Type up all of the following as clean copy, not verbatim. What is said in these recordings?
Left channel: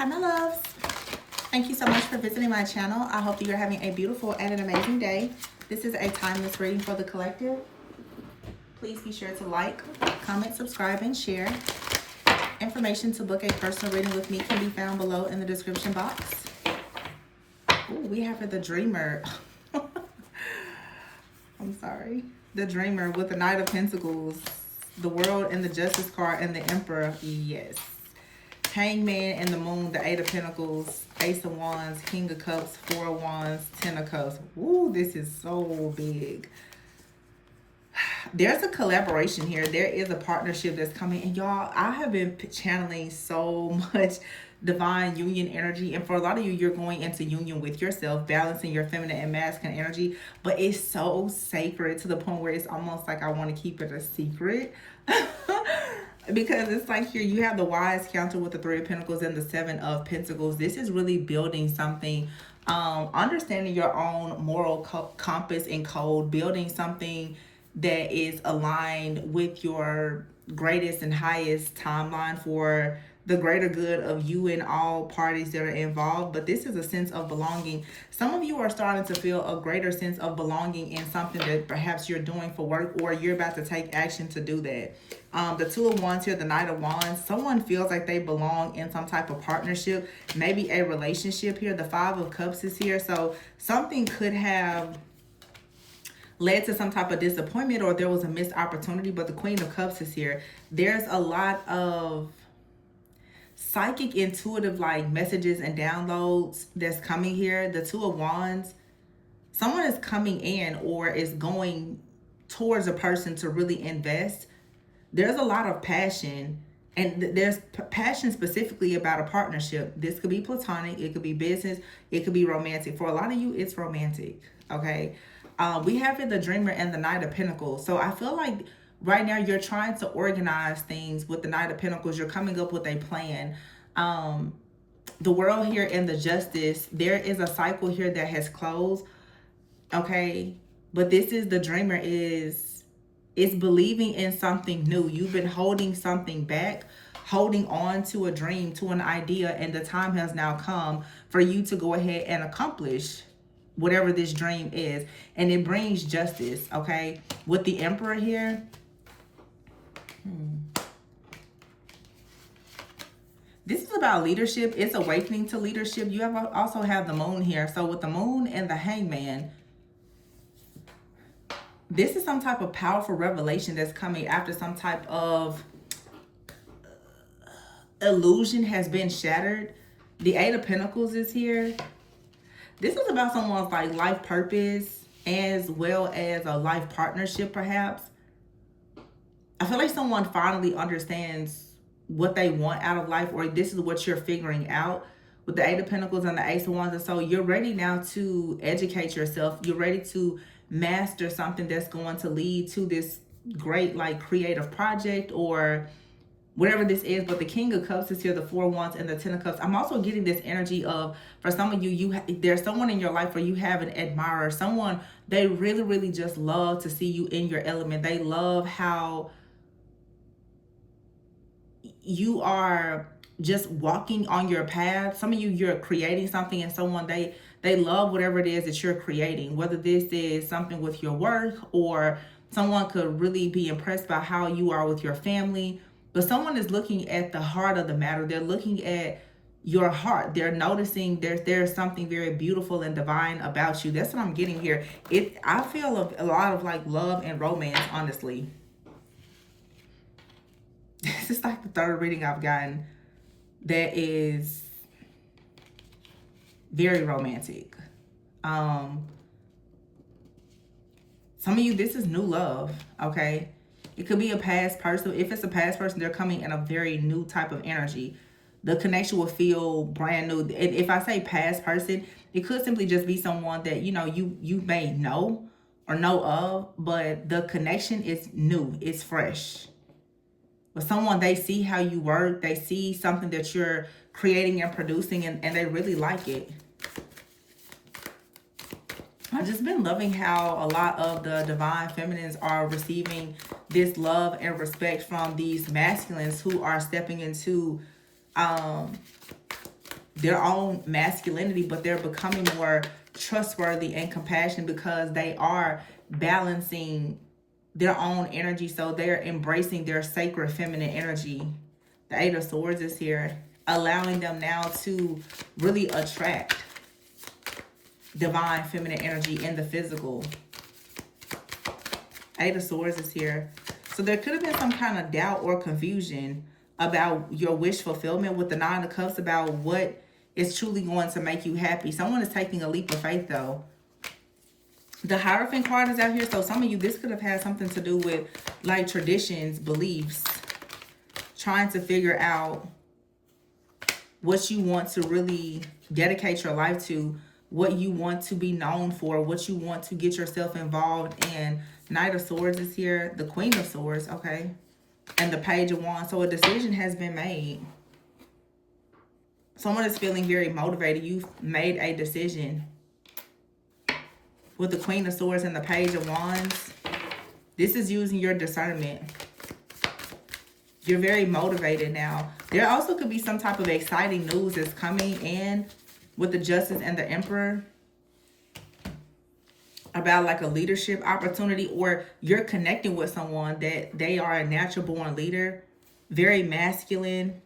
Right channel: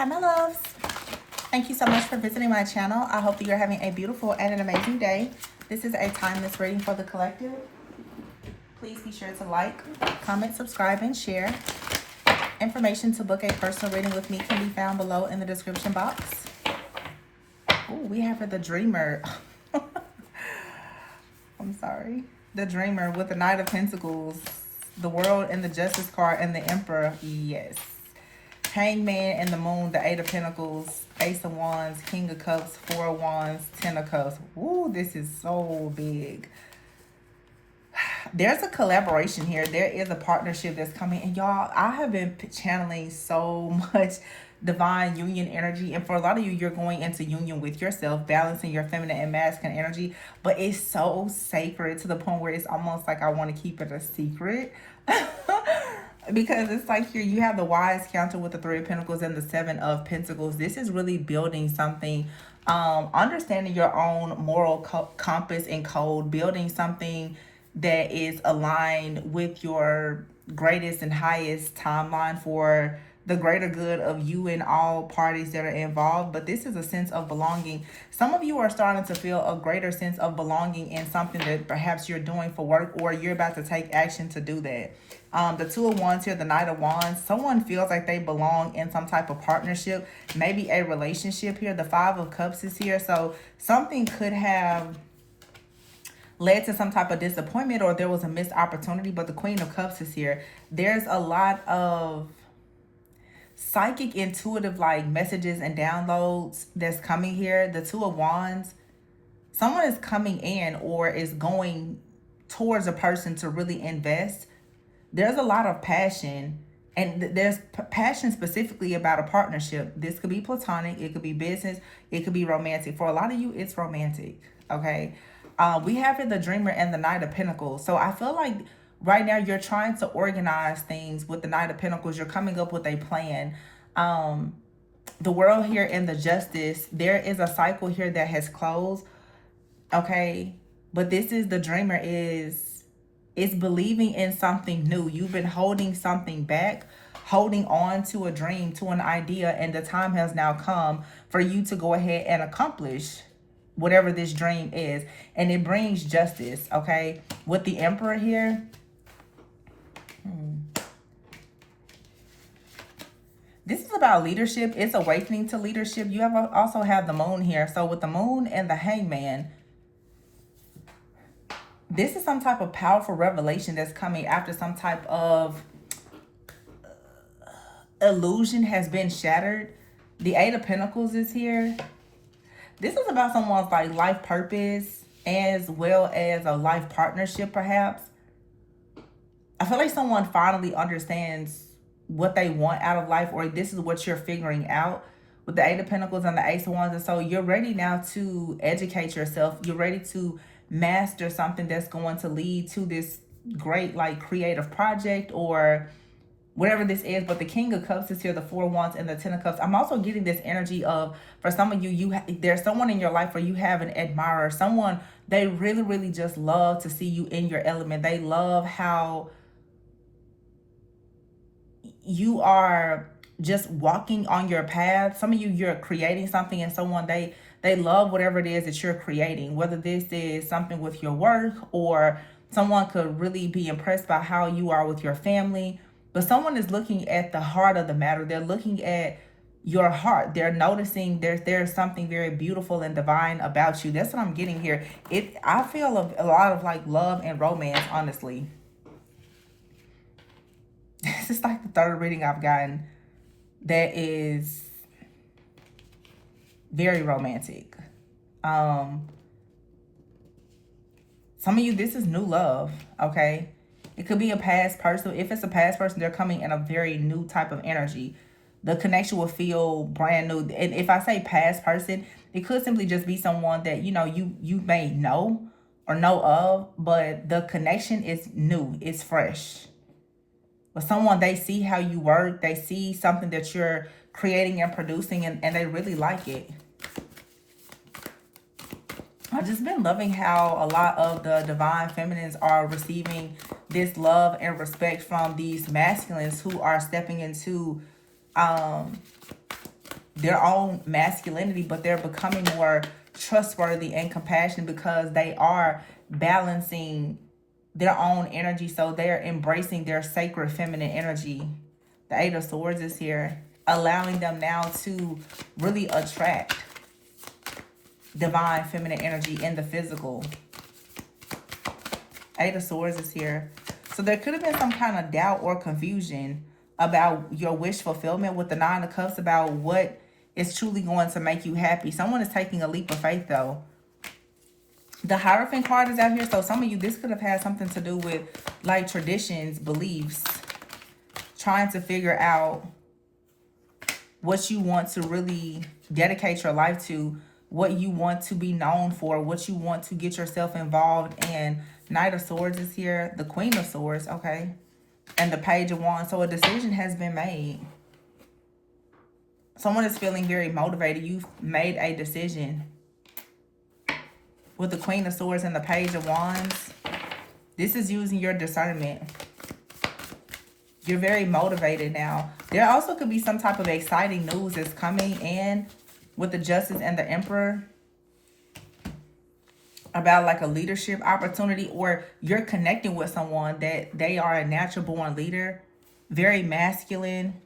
Hi, my loves. Thank you so much for visiting my channel. I hope you are having a beautiful and an amazing day. This is a timeless reading for the collective. Please be sure to like, comment, subscribe, and share. Information to book a personal reading with me can be found below in the description box. Ooh, we have the Dreamer. I'm sorry. The Dreamer with the Knight of Pentacles, the World and the Justice card, and the Emperor. Yes. Hangman and the Moon, the Eight of Pentacles, Ace of Wands, King of Cups, Four of Wands, Ten of Cups. Ooh, this is so big. There's a collaboration here. There is a partnership that's coming. And y'all, I have been channeling so much divine union energy. And for a lot of you, you're going into union with yourself, balancing your feminine and masculine energy. But it's so sacred to the point where it's almost like I want to keep it a secret. Because it's like here you have the Wise counter with the Three of Pentacles and the Seven of Pentacles. This is really building something, understanding your own moral compass and code, building something that is aligned with your greatest and highest timeline for the greater good of you and all parties that are involved. But this is a sense of belonging. Some of you are starting to feel a greater sense of belonging in something that perhaps you're doing for work, or you're about to take action to do that. The Two of Wands here, the Knight of Wands. Someone feels like they belong in some type of partnership, maybe a relationship here. The Five of Cups is here. So something could have led to some type of disappointment, or there was a missed opportunity. But the Queen of Cups is here. There's a lot of psychic, intuitive like messages and downloads that's coming here. The Two of Wands. Someone is coming in or is going towards a person to really invest. There's a lot of passion, and there's passion specifically about a partnership. This could be platonic, it could be business, it could be romantic. For a lot of you, it's romantic, okay? We have here the Dreamer and the Knight of Pentacles. So I feel like right now you're trying to organize things with the Knight of Pentacles. You're coming up with a plan. The World here and the Justice, there is a cycle here that has closed, okay? But this is the Dreamer is believing in something new. You've been holding something back, holding on to a dream, to an idea, and the time has now come for you to go ahead and accomplish whatever this dream is. And it brings justice, okay? With the Emperor here, this is about leadership. It's awakening to leadership. You also have the Moon here. So with the Moon and the Hangman, this is some type of powerful revelation that's coming after some type of illusion has been shattered. The Eight of Pentacles is here. This is about someone's like life purpose as well as a life partnership, perhaps. I feel like someone finally understands what they want out of life, or this is what you're figuring out with the Eight of Pentacles and the Ace of Wands. And so you're ready now to educate yourself. You're ready to master something that's going to lead to this great like creative project or whatever this is. But the King of Cups is here, the Four of Wands and the Ten of Cups. I'm also getting this energy of, for some of you, there's someone in your life where you have an admirer, someone they really just love to see you in your element. They love how you are just walking on your path. Some of you, you're creating something, and someone they love whatever it is that you're creating, whether this is something with your work, or someone could really be impressed by how you are with your family. But someone is looking at the heart of the matter. They're looking at your heart. They're noticing there's something very beautiful and divine about you. That's what I'm getting here. I feel a lot of like love and romance, honestly. This is like the third reading I've gotten that is very romantic. Some of you, this is new love, okay? It could be a past person. If it's a past person, they're coming in a very new type of energy. The connection will feel brand new. And if I say past person, it could simply just be someone that, you know, you may know or know of, but the connection is new. It's fresh. But someone, they see how you work. They see something that you're creating and producing, and they really like it. I've just been loving how a lot of the divine feminines are receiving this love and respect from these masculines who are stepping into their own masculinity, but they're becoming more trustworthy and compassionate because they are balancing their own energy. So they're embracing their sacred feminine energy. The Eight of Swords is here, allowing them now to really attract divine feminine energy in the physical. Eight of Swords is here. So there could have been some kind of doubt or confusion about your wish fulfillment with the Nine of Cups, about what is truly going to make you happy. Someone is taking a leap of faith, though. The Hierophant card is out here. So some of you, this could have had something to do with like traditions, beliefs, trying to figure out what you want to really dedicate your life to, what you want to be known for, what you want to get yourself involved in. Knight of Swords is here. The Queen of Swords, okay. And the Page of Wands. So a decision has been made. Someone is feeling very motivated. You've made a decision. With the Queen of Swords and the Page of Wands, this is using your discernment. You're very motivated now. There also could be some type of exciting news that's coming in with the Justice and the Emperor about like a leadership opportunity, or you're connecting with someone that they are a natural born leader, very masculine,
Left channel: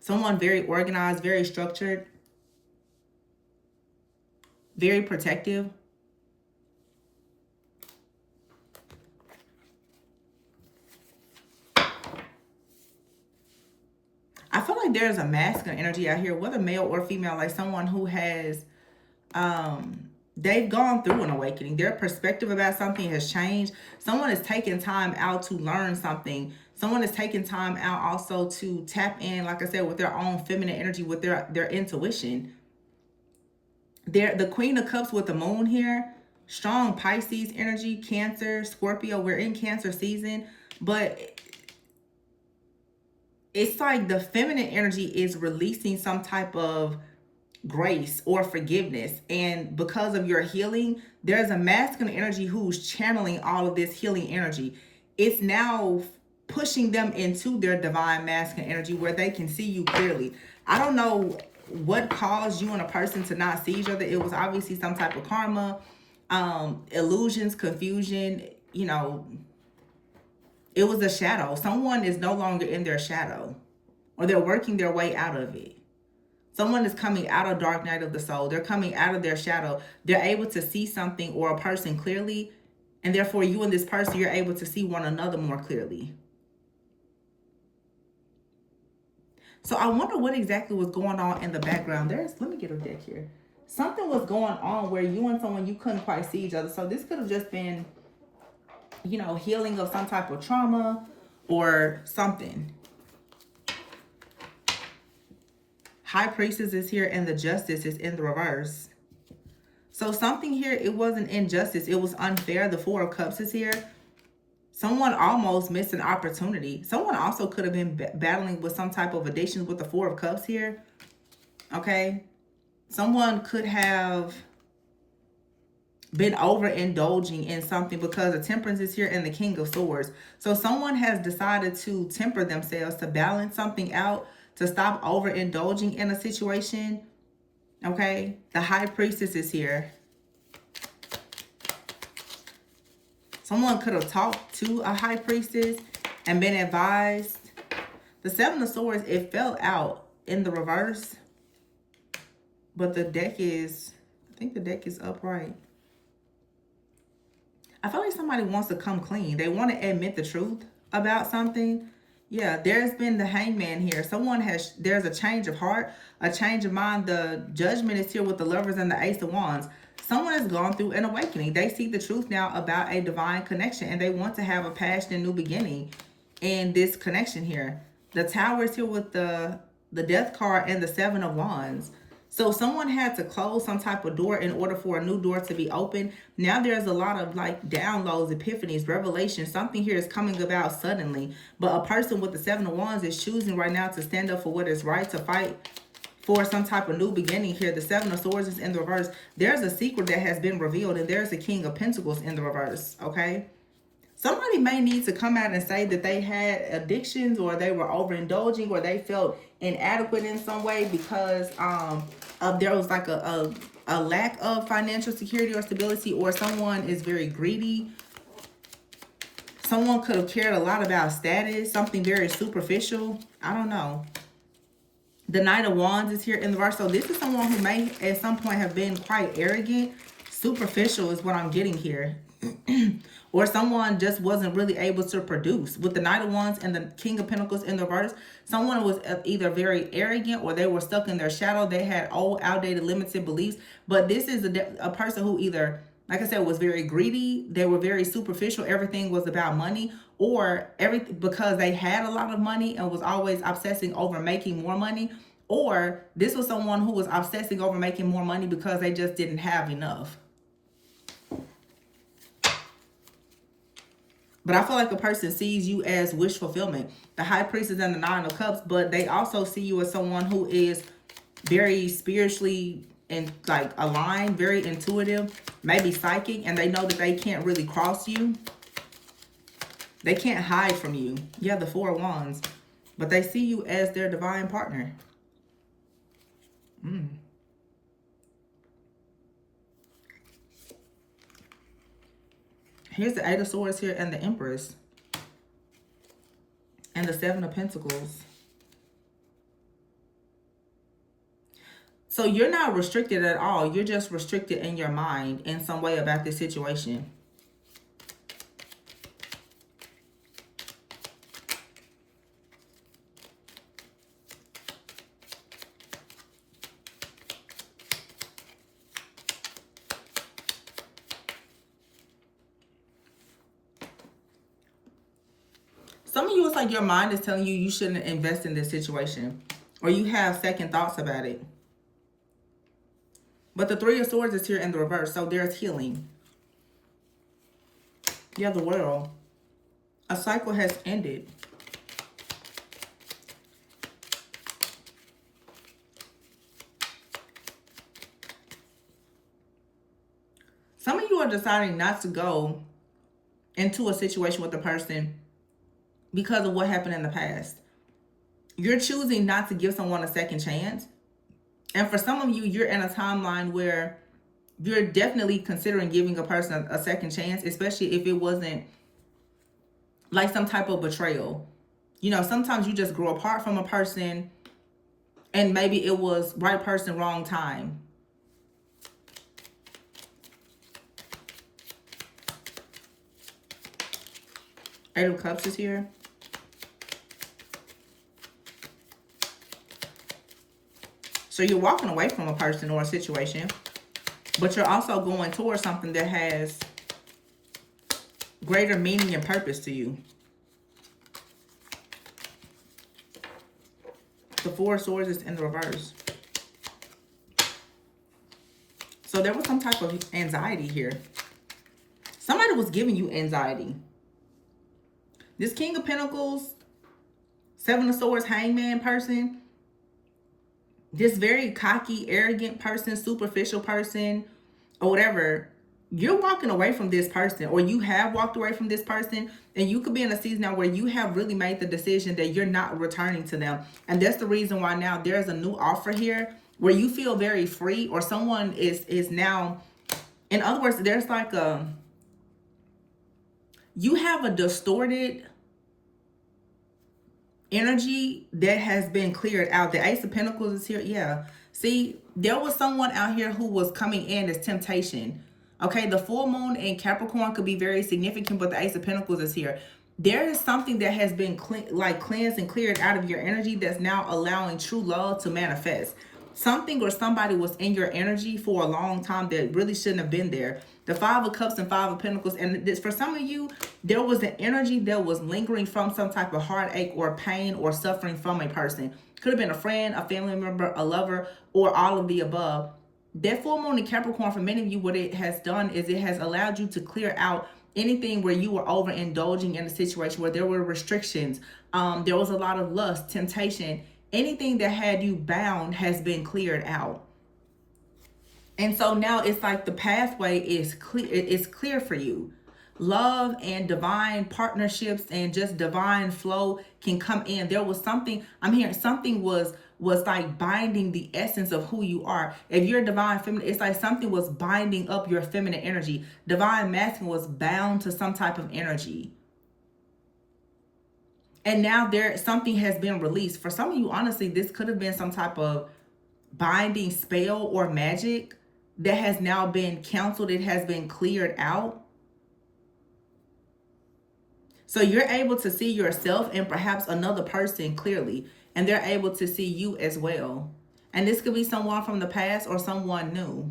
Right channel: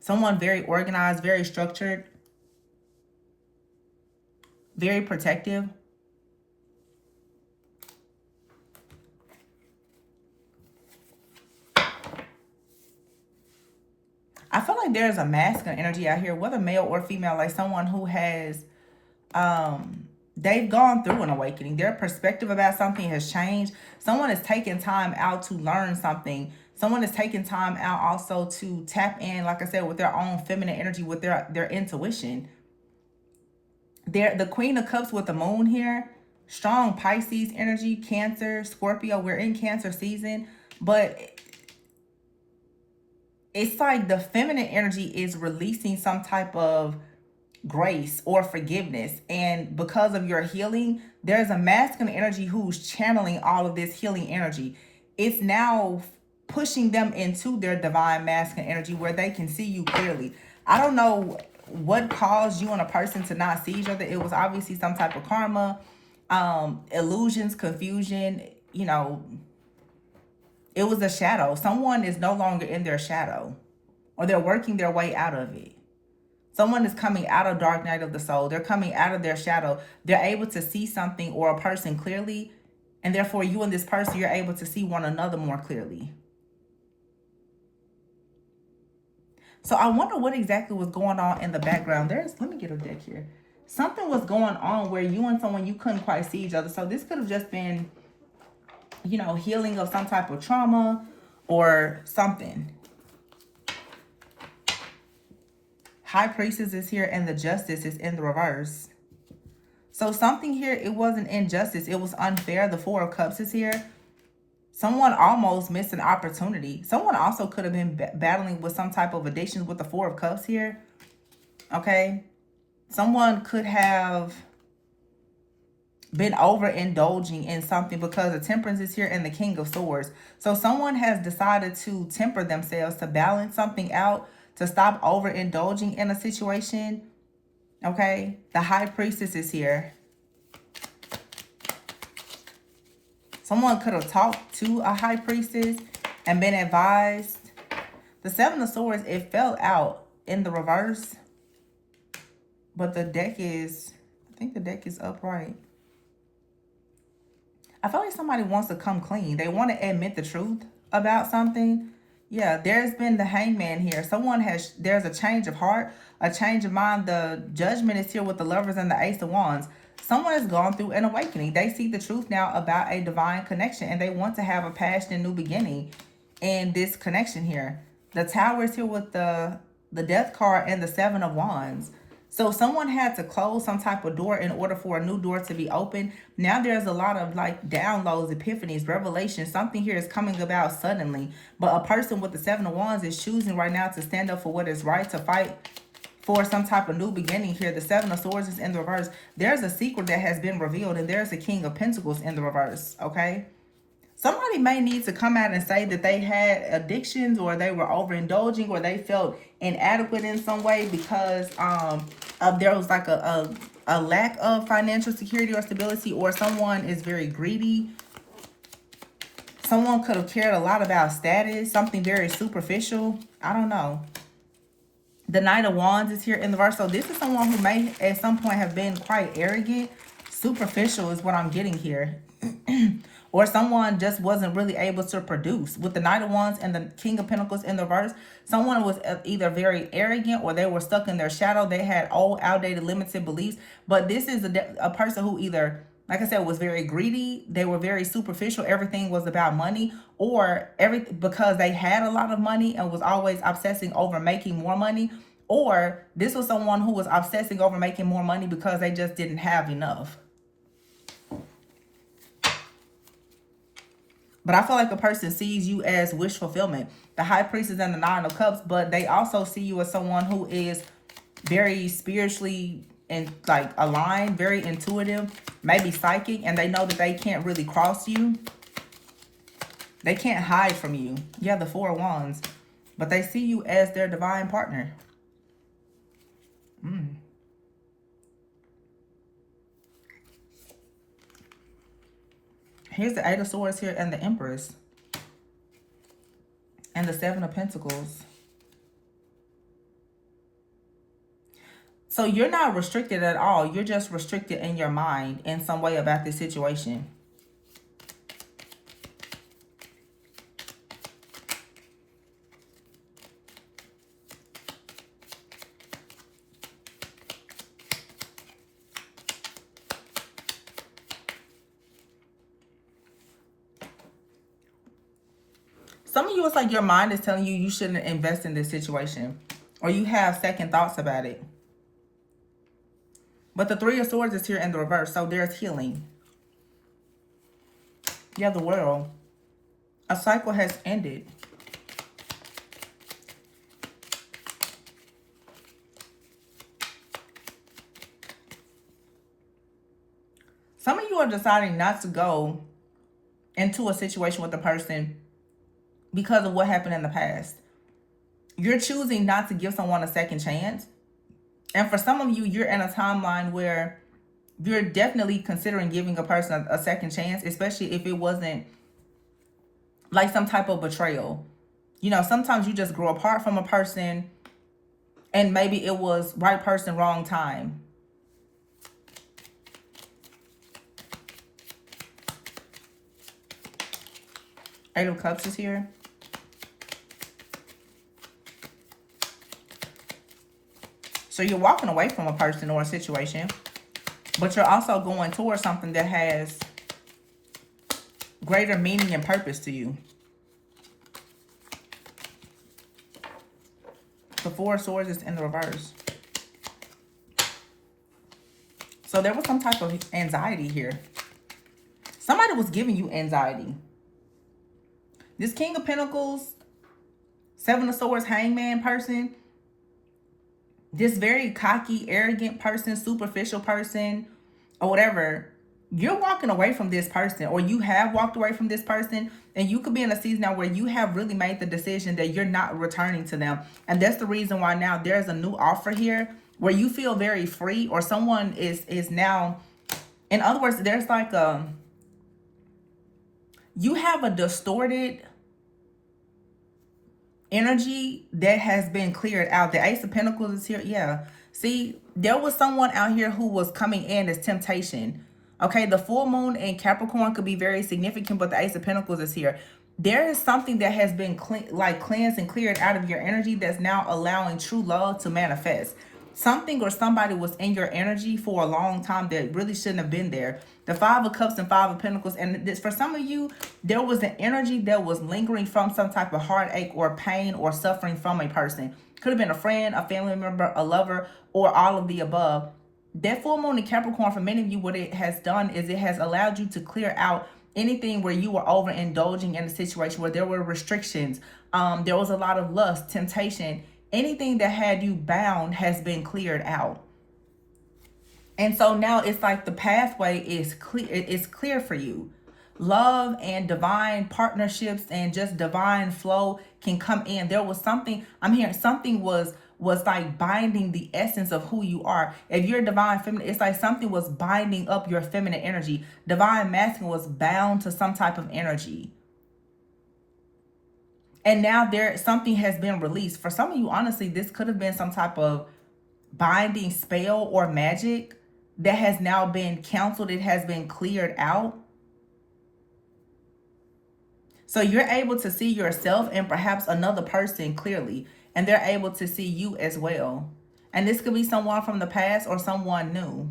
someone very organized, very structured, very protective. I feel like there's a masculine energy out here, whether male or female, like someone who has, they've gone through an awakening. Their perspective about something has changed. Someone is taking time out to learn something. Someone is taking time out also to tap in, like I said, with their own feminine energy, with their intuition. The Queen of Cups with the Moon here, strong Pisces energy, Cancer, Scorpio. We're in Cancer season, but it's like the feminine energy is releasing some type of grace or forgiveness. And because of your healing, there's a masculine energy who's channeling all of this healing energy. It's now pushing them into their divine masculine energy where they can see you clearly. I don't know what caused you and a person to not see each other. It was obviously some type of karma, illusions, confusion, you know. It was a shadow. Someone is no longer in their shadow, or they're working their way out of it. Someone is coming out of dark night of the soul. They're coming out of their shadow. They're able to see something or a person clearly, and therefore you and this person, you're able to see one another more clearly. So I wonder what exactly was going on in the background. Let me get a deck here. Something was going on where you and someone, you couldn't quite see each other. So this could have just been, you know, healing of some type of trauma or something. High Priestess is here and the Justice is in the reverse. So something here, it wasn't injustice. It was unfair. The Four of Cups is here. Someone almost missed an opportunity. Someone also could have been battling with some type of addiction with the Four of Cups here. Okay. Someone could have been overindulging in something because the Temperance is here and the King of Swords. So someone has decided to temper themselves, to balance something out, to stop overindulging in a situation. Okay. The High Priestess is here. Someone could have talked to a High Priestess and been advised. The Seven of Swords, it fell out in the reverse. But the deck is, I think the deck is upright. I feel like somebody wants to come clean. They want to admit the truth about something. Yeah, there's been the Hangman here. There's a change of heart, a change of mind. The Judgment is here with the Lovers and the Ace of Wands. Someone has gone through an awakening. They see the truth now about a divine connection, and they want to have a passionate new beginning in this connection here. The Tower is here with the Death card and the Seven of Wands. So someone had to close some type of door in order for a new door to be open. Now there's a lot of like downloads, epiphanies, revelations. Something here is coming about suddenly. But a person with the Seven of Wands is choosing right now to stand up for what is right, to fight for some type of new beginning here. The Seven of Swords is in the reverse. There's a secret that has been revealed, and there's a King of Pentacles in the reverse, okay? Somebody may need to come out and say that they had addictions, or they were overindulging, or they felt inadequate in some way because there was like a lack of financial security or stability, or someone is very greedy. Someone could have cared a lot about status, something very superficial. I don't know. The Knight of Wands is here in the verse. So this is someone who may at some point have been quite arrogant. Superficial is what I'm getting here. Or someone just wasn't really able to produce. With the Knight of Wands and the King of Pentacles in the reverse, someone was either very arrogant, or they were stuck in their shadow. They had old, outdated, limited beliefs. But this is a person who either, like I said, was very greedy. They were very superficial. Everything was about money, or because they had a lot of money and was always obsessing over making more money. Or this was someone who was obsessing over making more money because they just didn't have enough. But I feel like a person sees you as wish fulfillment. The High Priestess and the Nine of Cups, but they also see you as someone who is very spiritually and like aligned, very intuitive, maybe psychic, and they know that they can't really cross you. They can't hide from you. Yeah, the Four of Wands. But they see you as their divine partner. Here's the Eight of Swords here and the Empress. And the Seven of Pentacles. So you're not restricted at all. You're just restricted in your mind in some way about this situation. Some of you, it's like your mind is telling you you shouldn't invest in this situation, or you have second thoughts about it. But the Three of Swords is here in the reverse, so there's healing. Yeah, the World. A cycle has ended. Some of you are deciding not to go into a situation with a person because of what happened in the past. You're choosing not to give someone a second chance. And for some of you, you're in a timeline where you're definitely considering giving a person a second chance, especially if it wasn't like some type of betrayal. You know, sometimes you just grow apart from a person and maybe it was right person, wrong time. Eight of Cups is here. So you're walking away from a person or a situation, but you're also going towards something that has greater meaning and purpose to you. The Four of Swords is in the reverse. So there was some type of anxiety here. Somebody was giving you anxiety. This King of Pentacles, Seven of Swords, Hangman person, this very cocky, arrogant person, superficial person, or whatever, you're walking away from this person, or you have walked away from this person, and you could be in a season now where you have really made the decision that you're not returning to them. And that's the reason why now there's a new offer here where you feel very free, or someone is now, in other words, there's like you have a distorted energy that has been cleared out. The Ace of Pentacles is here. Yeah. See, there was someone out here who was coming in as temptation. Okay, the full moon in Capricorn could be very significant, but the Ace of Pentacles is here. There is something that has been cleansed and cleared out of your energy that's now allowing true love to manifest. Something or somebody was in your energy for a long time that really shouldn't have been there. The Five of Cups and Five of Pentacles. And this, for some of you, there was an energy that was lingering from some type of heartache or pain or suffering from a person. Could have been a friend, a family member, a lover, or all of the above. That full moon in Capricorn, for many of you, what it has done is it has allowed you to clear out anything where you were overindulging in a situation where there were restrictions. There was a lot of lust, temptation. Anything that had you bound has been cleared out. And so now it's like the pathway is clear. It's clear for you. love and divine partnerships and just divine flow can come in. There was something, I'm hearing something was like binding the essence of who you are. If you're divine feminine, it's like something was binding up your feminine energy. Divine masculine was bound to some type of energy. And now there something has been released. For some of you, honestly, this could have been some type of binding spell or magic that has now been canceled. It has been cleared out. So you're able to see yourself and perhaps another person clearly, and they're able to see you as well. And this could be someone from the past or someone new.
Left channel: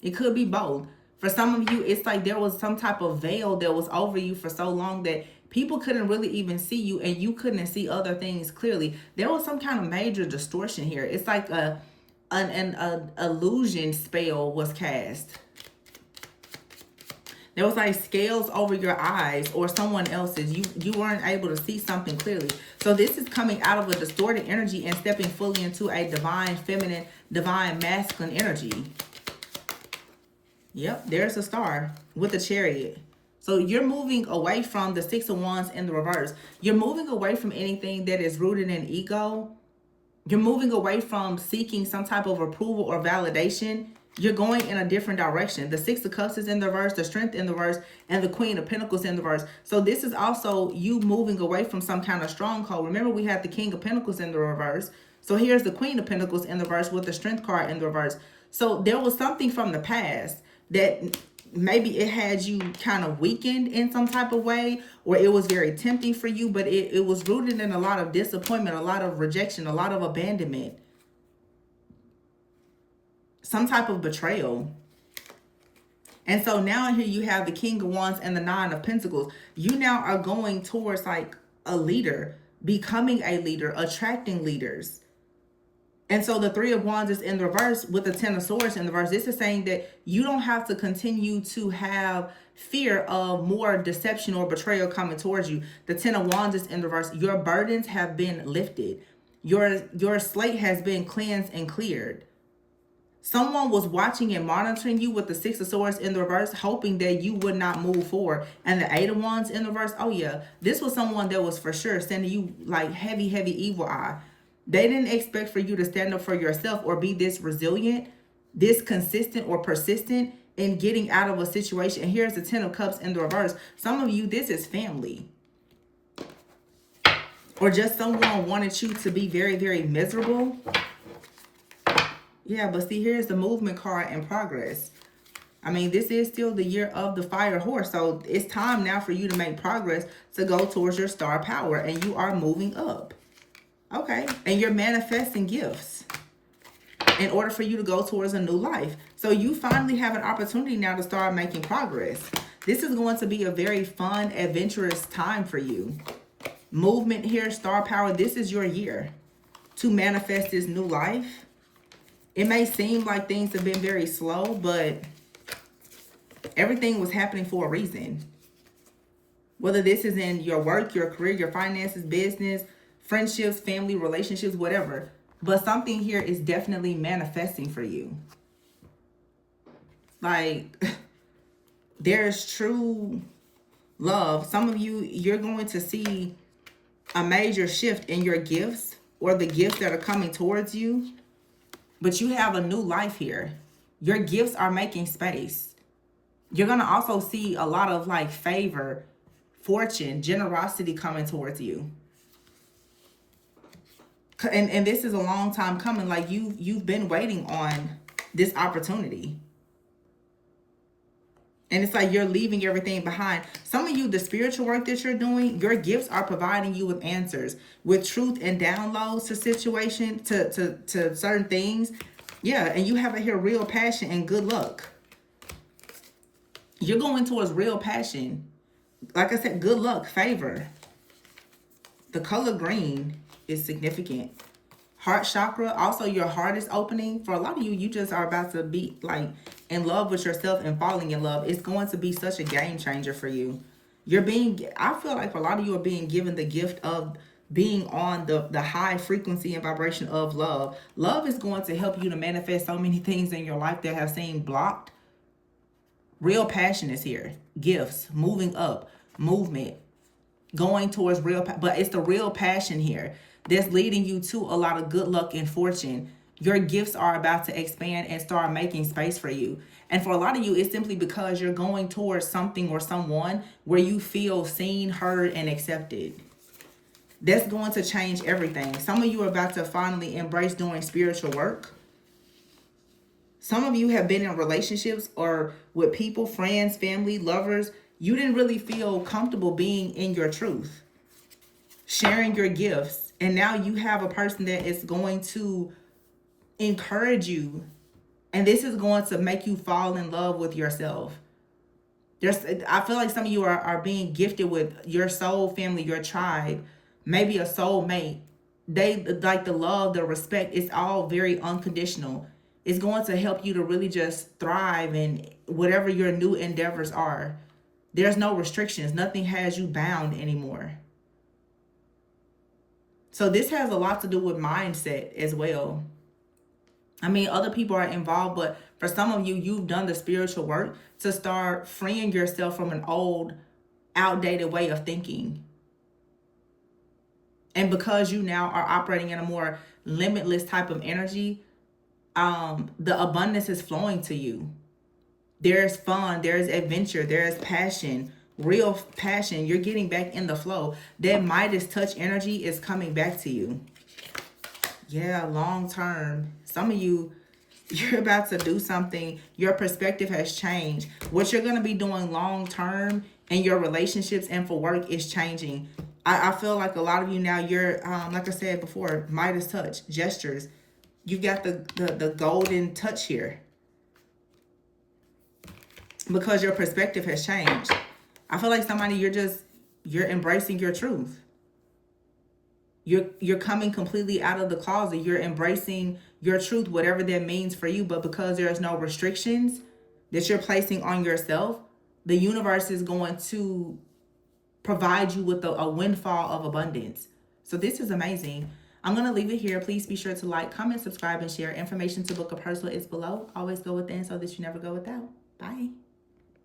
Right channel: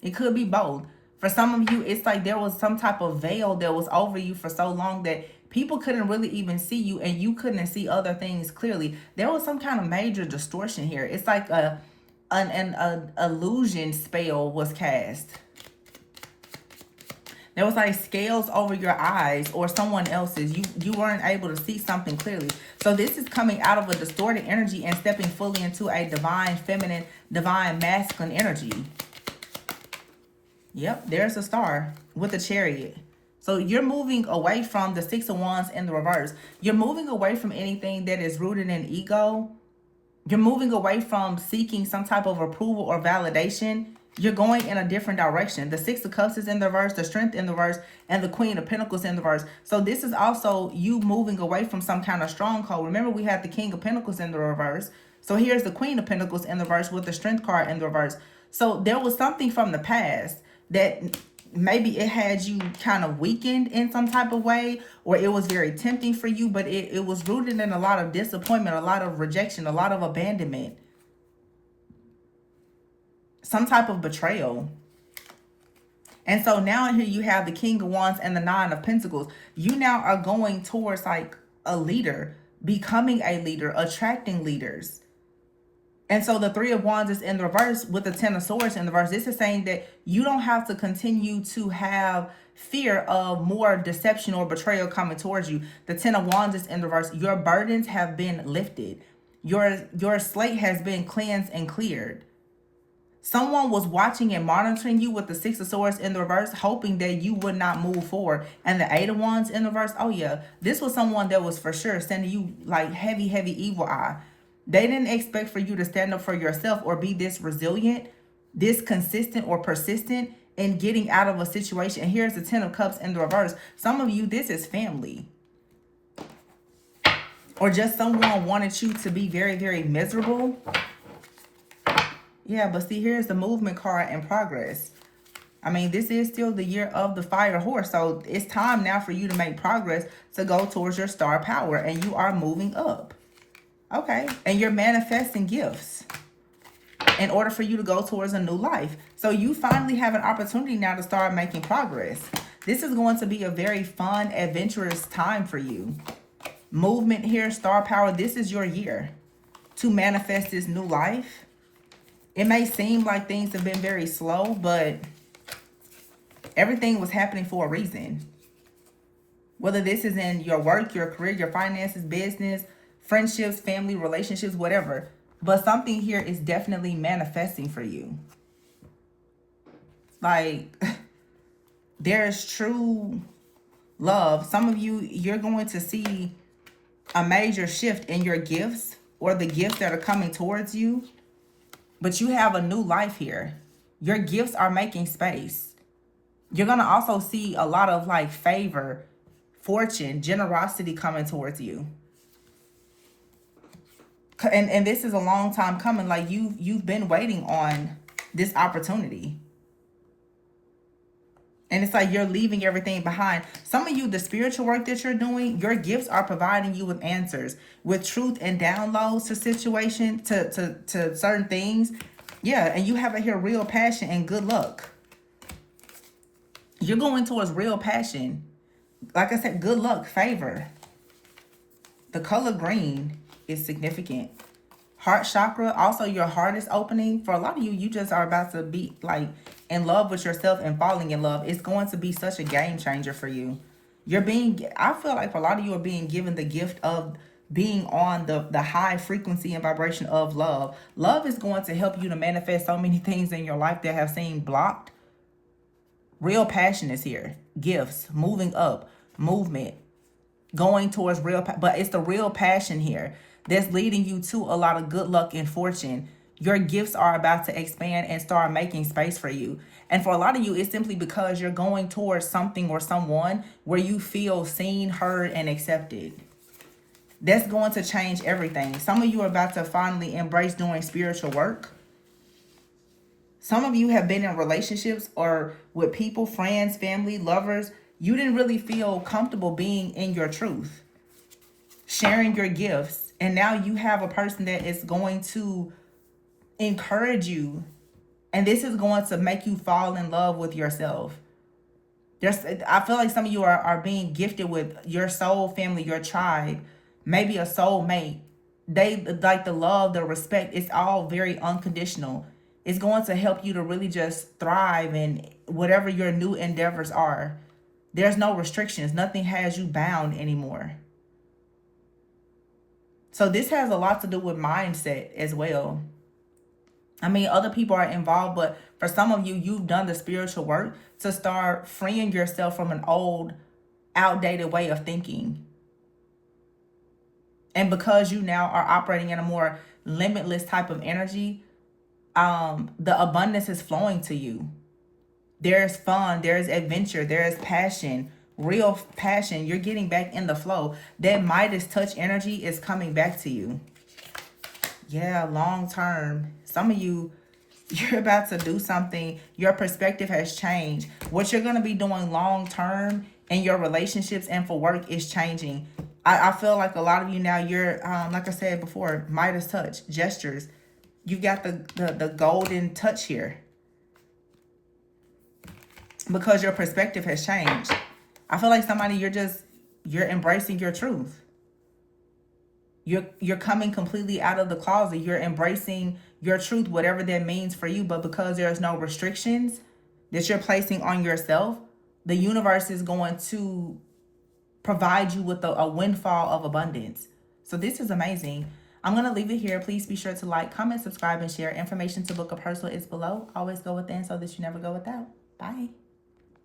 It could be both. For some of you, it's like there was some type of veil that was over you for so long that people couldn't really even see you, and you couldn't see other things clearly. There was some kind of major distortion here. It's like an illusion spell was cast. There was like scales over your eyes or someone else's. You weren't able to see something clearly. So this is coming out of a distorted energy and stepping fully into a divine feminine, divine masculine energy. Yep, there's a star with a chariot. So you're moving away from the Six of Wands in the reverse. You're moving away from anything that is rooted in ego. You're moving away from seeking some type of approval or validation. You're going in a different direction. The Six of Cups is in the reverse, the Strength in the reverse, and the Queen of Pentacles in the reverse. So this is also you moving away from some kind of stronghold. Remember, we had the King of Pentacles in the reverse. So here's the Queen of Pentacles in the reverse with the Strength card in the reverse. So there was something from the past that maybe it had you kind of weakened in some type of way, or it was very tempting for you, but it was rooted in a lot of disappointment, a lot of rejection, a lot of abandonment, some type of betrayal. And so now here you have the King of Wands and the Nine of Pentacles. You now are going towards like a leader, becoming a leader, attracting leaders. And so the Three of Wands is in the reverse with the Ten of Swords in the reverse. This is saying that you don't have to continue to have fear of more deception or betrayal coming towards you. The Ten of Wands is in the reverse. Your burdens have been lifted. Your slate has been cleansed and cleared. Someone was watching and monitoring you with the Six of Swords in the reverse, hoping that you would not move forward. And the Eight of Wands in the reverse, oh yeah, this was someone that was for sure sending you like heavy, heavy evil eye. They didn't expect for you to stand up for yourself or be this resilient, this consistent or persistent in getting out of a situation. And here's the Ten of Cups in the reverse. Some of you, this is family. Or just someone wanted you to be very, very miserable. Yeah, but see, here's the Movement card and progress. I mean, this is still the year of the fire horse. So it's time now for you to make progress to go towards your star power. And you are moving up. Okay, and you're manifesting gifts in order for you to go towards a new life. So you finally have an opportunity now to start making progress. This is going to be a very fun, adventurous time for you. Movement here, star power, this is your year to manifest this new life. It may seem like things have been very slow, but everything was happening for a reason. Whether this is in your work, your career, your finances, business, friendships, family, relationships, whatever. But something here is definitely manifesting for you. Like, there's true love. Some of you, you're going to see a major shift in your gifts or the gifts that are coming towards you. But you have a new life here. Your gifts are making space. You're going to also see a lot of like favor, fortune, generosity coming towards you. And this is a long time coming. Like you've been waiting on this opportunity. And it's like you're leaving everything behind. Some of you, the spiritual work that you're doing, your gifts are providing you with answers, with truth and downloads to situations, to certain things. Yeah, and you have here real passion and good luck. You're going towards real passion. Like I said, good luck, favor. The color green is significant. Heart chakra, also your heart is opening. For a lot of you, you just are about to be like in love with yourself and falling in love. It's going to be such a game changer for you. I feel like for a lot of you are being given the gift of being on the high frequency and vibration of love. Love is going to help you to manifest so many things in your life that have seemed blocked. Real passion is here. Gifts, moving up, movement, going towards but it's the real passion here that's leading you to a lot of good luck and fortune. Your gifts are about to expand and start making space for you. And for a lot of you, it's simply because you're going towards something or someone where you feel seen, heard, and accepted. That's going to change everything. Some of you are about to finally embrace doing spiritual work. Some of you have been in relationships or with people, friends, family, lovers. You didn't really feel comfortable being in your truth, sharing your gifts. And now you have a person that is going to encourage you. And this is going to make you fall in love with yourself. I feel like some of you are being gifted with your soul family, your tribe, maybe a soulmate. They like the love, the respect. It's all very unconditional. It's going to help you to really just thrive in whatever your new endeavors are. There's no restrictions. Nothing has you bound anymore. So this has a lot to do with mindset as well. I mean, other people are involved, but for some of you, you've done the spiritual work to start freeing yourself from an old, outdated way of thinking. And because you now are operating in a more limitless type of energy, the abundance is flowing to you. There's fun, there's adventure, there's passion, real passion. You're getting back in the flow. That Midas touch energy is coming back to you. Yeah, long term. Some of you, you're about to do something. Your perspective has changed. What you're going to be doing long term in your relationships and for work is changing. I feel like a lot of you now, you're, like I said before, Midas touch, gestures. You got the golden touch here. Because your perspective has changed. I feel like somebody, you're embracing your truth. You're coming completely out of the closet. You're embracing your truth, whatever that means for you. But because there's no restrictions that you're placing on yourself, the universe is going to provide you with a windfall of abundance. So this is amazing. I'm going to leave it here. Please be sure to like, comment, subscribe, and share. Information to book a personal is below. Always go within so that you never go without. Bye.